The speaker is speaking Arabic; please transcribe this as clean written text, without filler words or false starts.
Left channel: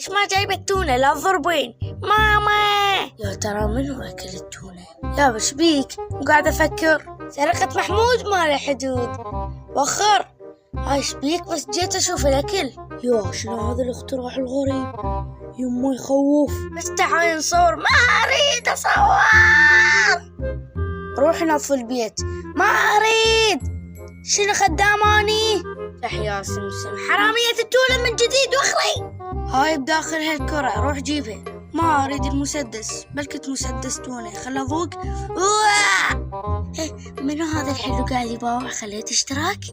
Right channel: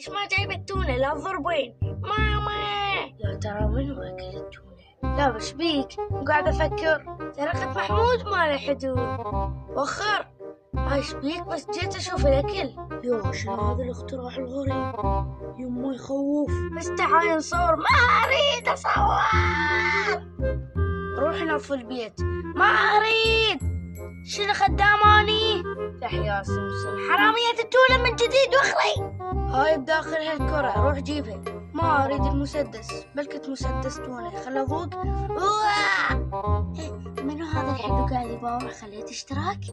ليش ما جايبة التونة؟ لا تضربين ماما. يا ترى منو أكل التونة؟ يا بشبيك وقاعد أفكر. سرقة محمود ما له حدود. وخر هاي شبيك بس جيت أشوف الأكل. يا شنو هذا الاختراع الغريب؟ يما يخوف. بس تعالي نصور. ما أريد أصور. روح نظف البيت. ما أريد. شنو خداماني؟ يا سمسم حرامية التونة من جديد واخلي. هاي بداخل هالكرة روح جيبها. ما أريد المسدس بلكت مسدس تونة. خل أذوق. منو هذا الحلو قاعد يباوع؟ خليت اشتراك.